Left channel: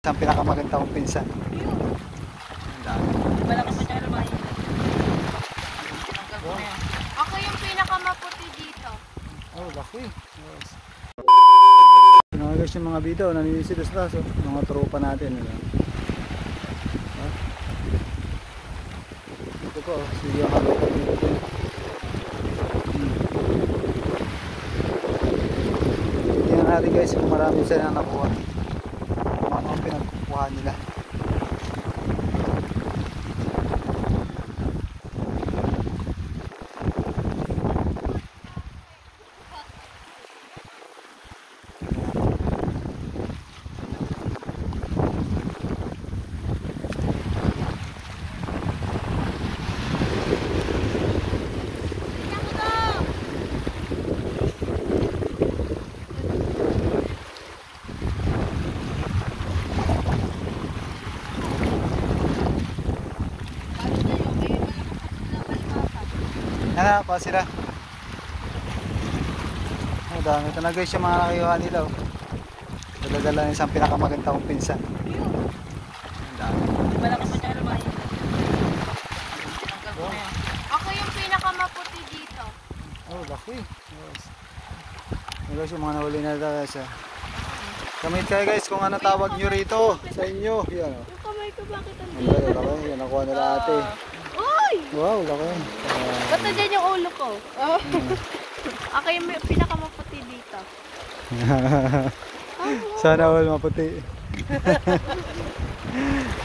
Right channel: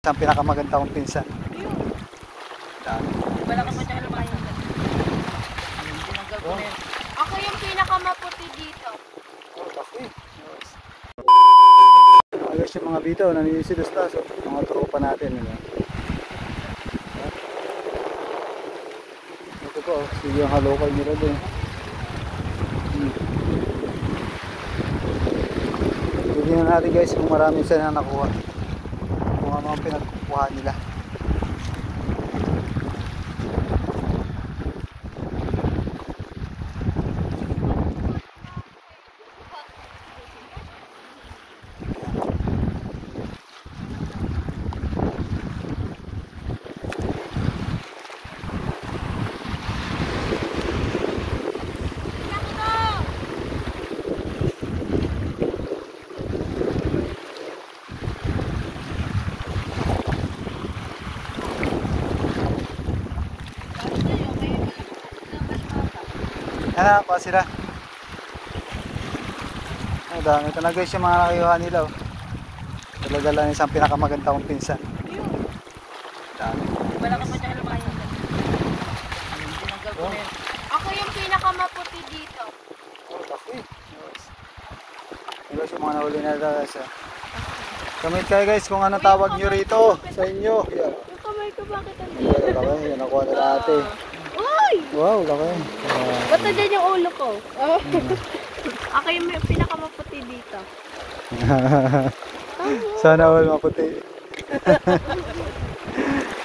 Ang pinakamaganda kong pinsan. Malakas na siya lumayan. Oh. Ako yung pinakamaputi dito. Oh, laki. Yes. Nakagas yung mga bitaw, nanisilas-las. Oh. Mga tropa natin. Ano? Ito po, sige yung halokal nila din. Tignan natin guys kung marami sila na nakuha. Kung ano ang pinagkukuha nila. Yan pa sila. Ang dami ito na guys yung mga nakayuhan nila. Oh. Talaga lang isang pinakamaganda kong pinsan. Ang dami. Malakas na siya lumayan. Oh. Ako yung pinakamaputi dito. Oh, laki. Yes. Yan guys yung mga nahuli na guys. Comment kayo guys kung ano tawag nyo rito sa inyo. Yan. Yung kamay ko bakit ang Ang dami kami. Yan nakuha nila ate. Uy! Wow, laki. Ba't din yung ulo ko? Ako yung pinakamaputi dito. Sana all maputi.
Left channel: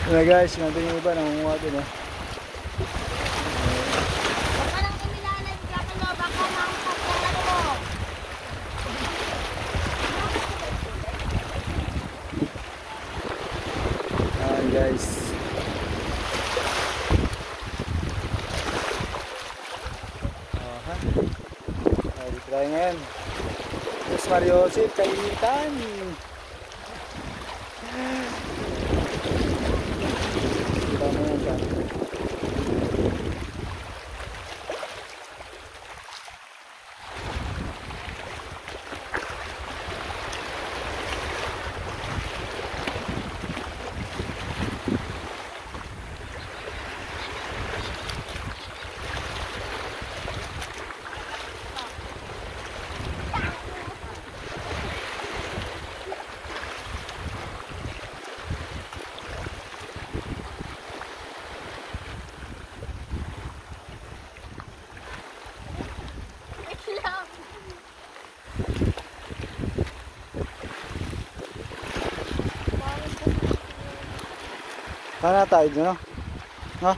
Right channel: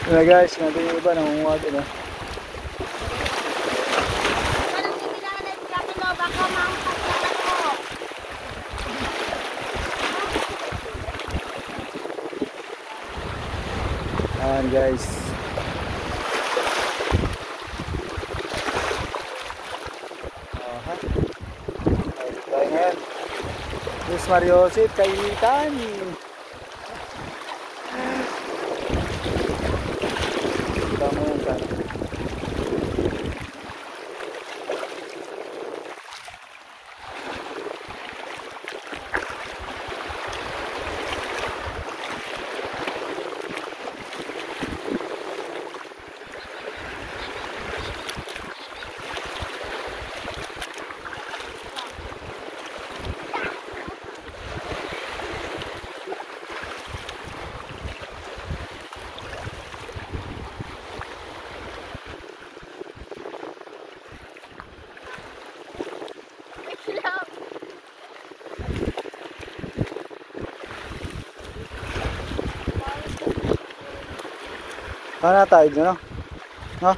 Yan guys, natin yung iba nangunguha din eh. Parang pinangalan ka pero baka maangkat na ako. Yan guys. Ay, try ngayon. Yes, Mario Joseph, kainitan. Kita mo yun ka. Paano tayo nyo, no? No?